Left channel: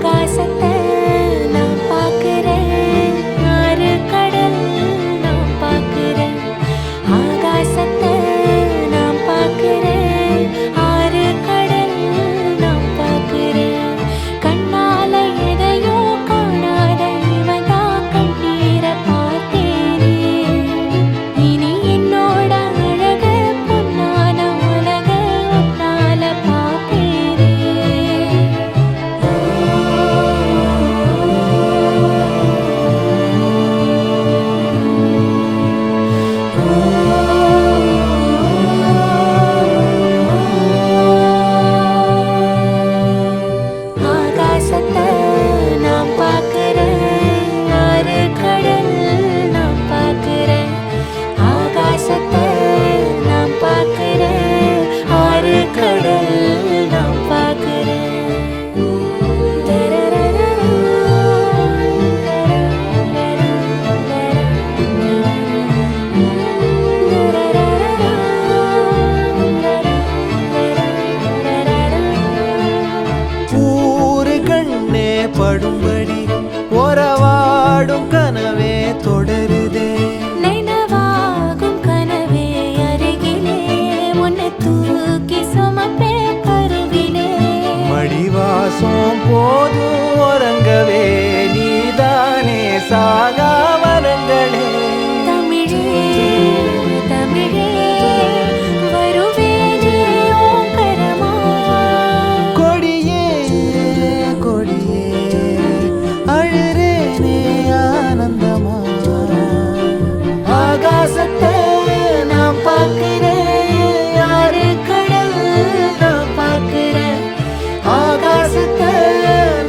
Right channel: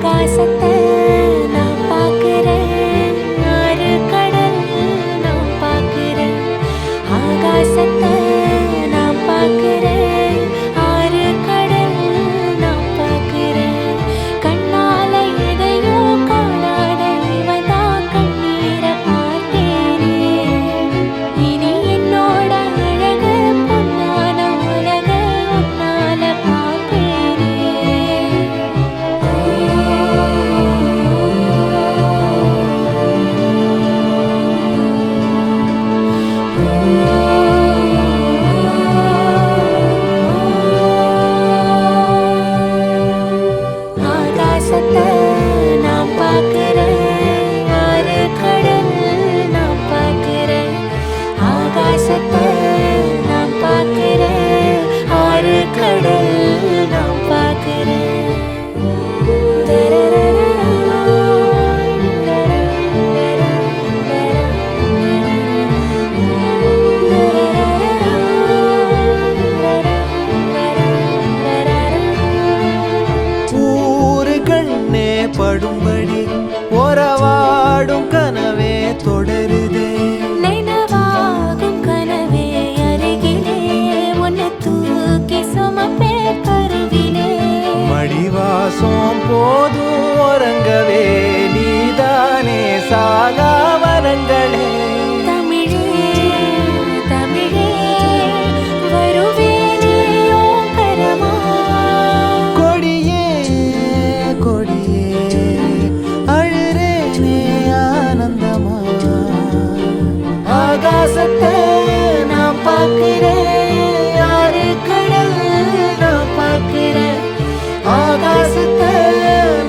ஆகாசத்தை நான் பார்க்கிறேன், ஆறு கடல் நான் பார்க்கிறேன். ஆகாசத்தை நான் பார்க்கிறேன், ஆறு கடல் நான் பார்க்கிறேன். கண்ணால எதையோ காணாத இவதா கண்ணீரை பார்த்தேனே. இனி என்னோட அழக பொன்னான உலக உன்னால பார்ப்பேனே. ஆகாசத்தை நான் பார்க்கிறேன், ஆறு கடல் நான் பார்க்கிறேன். ஆகாசத்தை நான் பார்க்கிறேன், ஆறு கடல் நான் பார்க்கிறேன். ஊரு கண்ணே படும்படி ஒரவாடும் கனவே தொடருதே. நினைவாகும் கனவே அருகிலே உன்னை தூக்கி சுமப்பே கருவிலே. மடிவாசம் போதும் உறங்கவே நீதானே சாகா வரங்களே. தமிழே தமிழே வருவேனே ஓங்கரமா. கொடியே கொடியே அழுறேனே ஆனந்தமா. ஆகாசத்தை நான் பார்க்கிறேன், ஆறு கடல் நான் பார்க்கிறேன். ஆகாசத்தை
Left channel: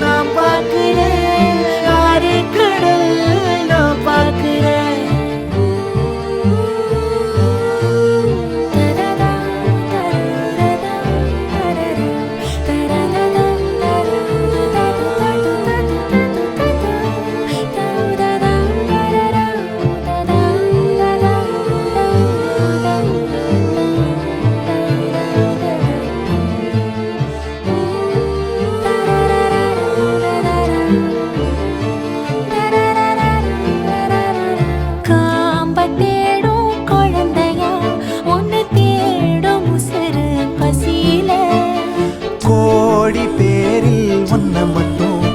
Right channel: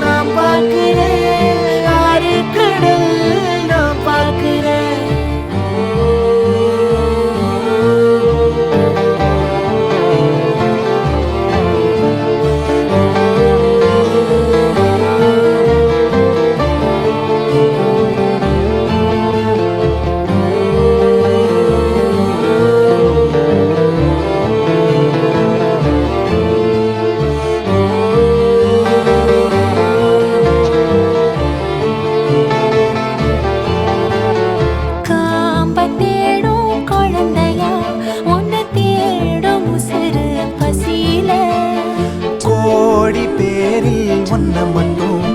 நான் பார்க்கிறேன், ஆறு கடல் நான் பார்க்கிறேன். காம்ப தேடும் குழந்தையா உன்னை தேடும் உசுறு பசியில. கோடி பேரில் ஒன்ன மட்டும்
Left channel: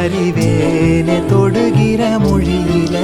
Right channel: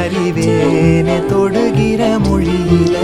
அறிவேனே தொடுகிற மொழியில.